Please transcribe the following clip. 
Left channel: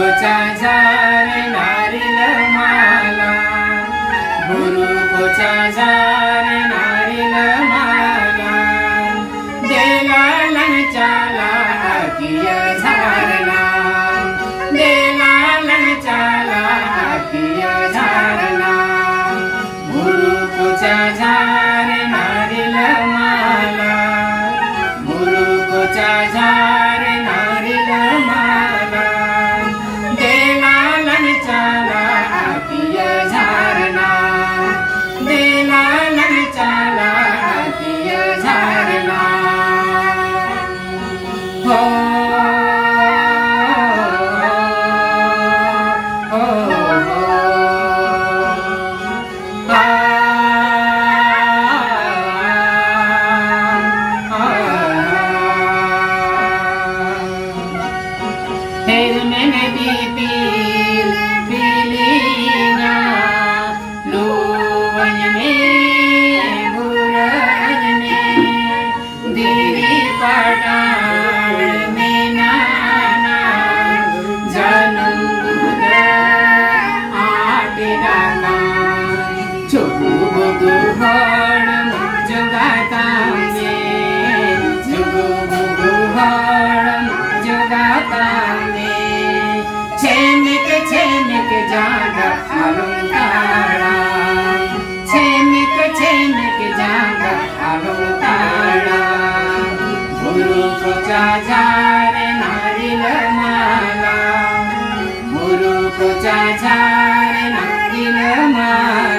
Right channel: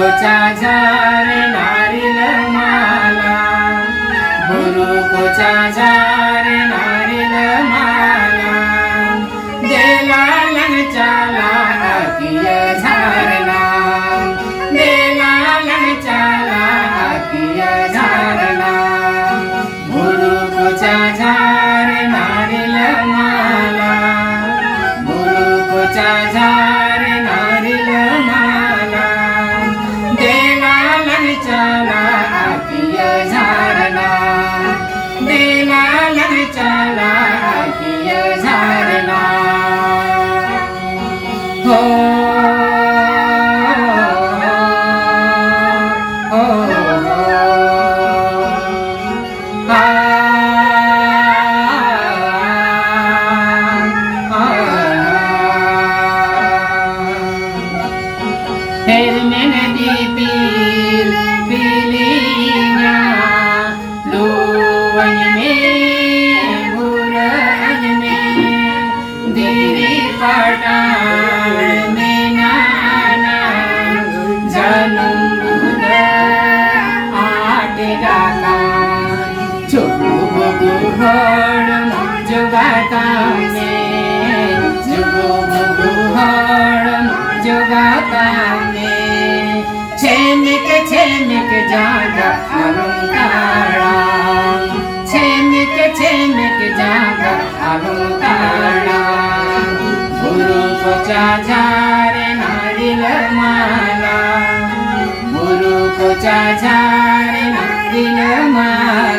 बुरुकोचा झार नारिल माला, बुरुकोचा झार नारिल माला, देला लंचाला किय झारना, देला लंचाला किय झारना, बुरुकोचा झार नारिल माला, बुरुकोचा झार नारिल माला, देला लंचाला किय झारना, देला लंचाला किय झारना। हो फिर मैंने दीपील पीलिया लूवन में बुरन में दीरी पटान में नाना जनुद आटे गाता चुगु बुगु हड़ जुगाता में चुगु बुगु हड़ जुगाता छेमिक जागा अलंकारा, छेमिक जागा अलंकारा, बुरुकोचा झार नारिल माला, बुरुकोचा झार नारिल माला।